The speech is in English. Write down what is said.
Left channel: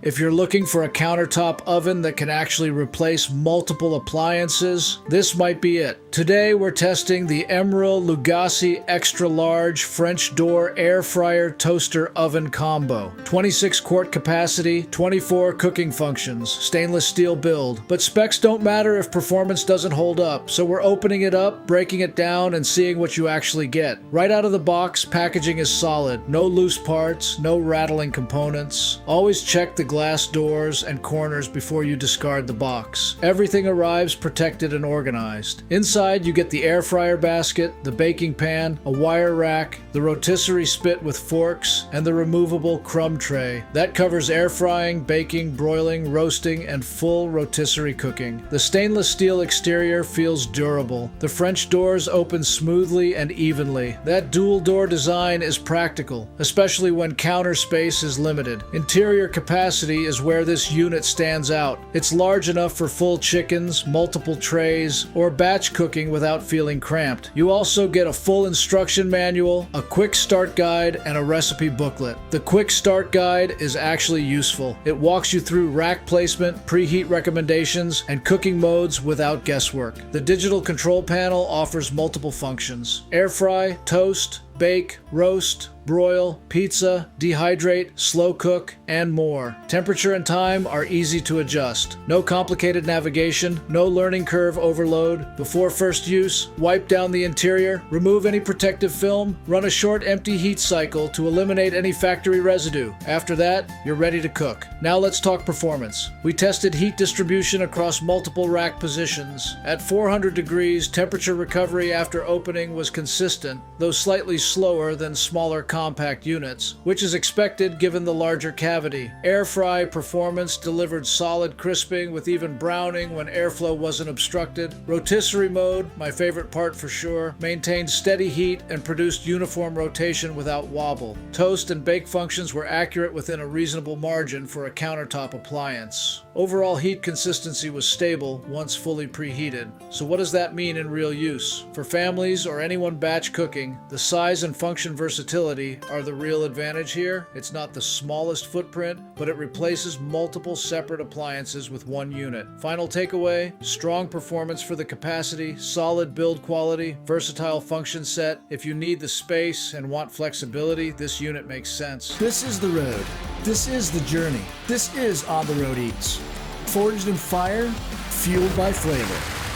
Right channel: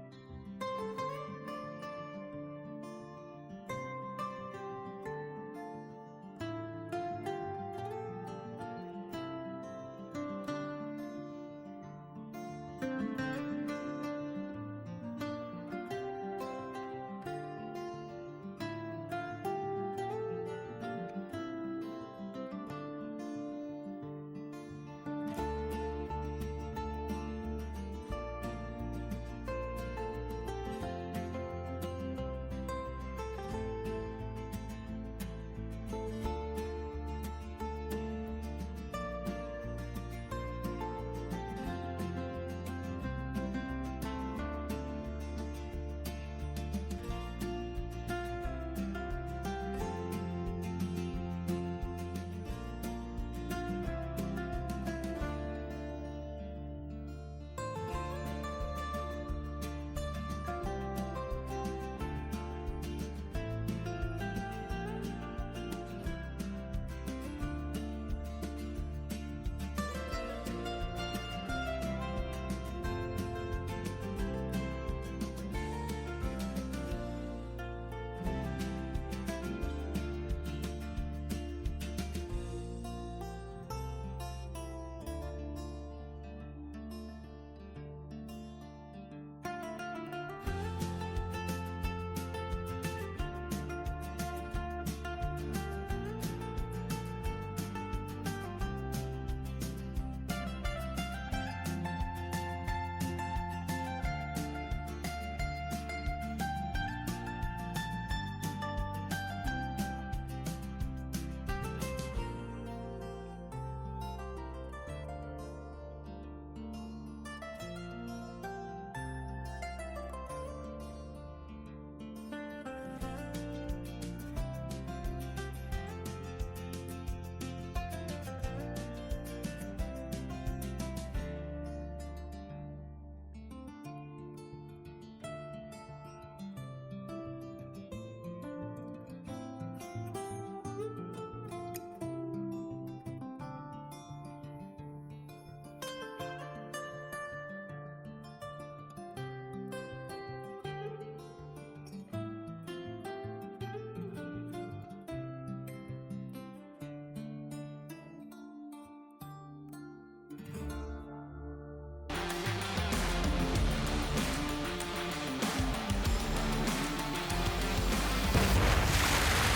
If you're looking for a countertop oven that can actually replace multiple appliances, this might be it. Today we're testing the Emeril Lagasse Extra Large French Door Air Fryer Toaster Oven Combo. 26 quart capacity, 24 cooking functions, stainless steel build. But specs don't matter if performance doesn't hold up, so we're opening it up, breaking it down, and seeing what you actually get. Right out of the box, packaging is solid. No loose parts, no rattling components. Always check the glass doors and corners before you discard the box. Everything arrives protected and organized. Inside you get the air fryer basket, the baking pan, a wire rack, the rotisserie spit with forks, and the removable crumb tray. That covers air frying, baking, broiling, roasting, and full rotisserie cooking. The stainless steel exterior feels durable. The French doors open smoothly and evenly. That dual door design is practical, especially when counter space is limited. Interior capacity is where this unit stands out. It's large enough for full chickens, multiple trays, or batch cooking without feeling cramped. You also get a full instruction manual, a quick start guide, and a recipe booklet. The quick start guide is actually useful. It walks you through rack placement, preheat recommendations, and cooking modes without guesswork. The digital control panel offers multiple functions: air fry, toast, bake, roast, broil, pizza, dehydrate, slow cook, and more. Temperature and time are easy to adjust. No complicated navigation, no learning curve overload. Before first use, wipe down the interior, remove any protective film, run a short empty heat cycle to eliminate any factory residue. After that, you're ready to cook. Now let's talk performance. We tested heat distribution across multiple rack positions. At 400 degrees, temperature recovery after opening was consistent, though slightly slower than smaller compact units, which is expected given the larger cavity. Air fry performance delivered solid crisping with even browning when airflow wasn't obstructed. Rotisserie mode, my favorite part for sure, maintained steady heat and produced uniform rotation without wobble. Toast and bake functions were accurate within a reasonable margin for a countertop appliance. Overall heat consistency was stable once fully preheated. So what does that mean in real use? For families or anyone batch cooking, the size and function versatility are the real advantage here. It's not the smallest footprint, but it replaces multiple separate appliances with one unit. Final takeaway: strong performance for the capacity, solid build quality, versatile function set. If you need the space and want flexibility, this unit makes sense. This is the road. This is the journey. This is On the Road Eats. Forged in fire, fueled by flavor.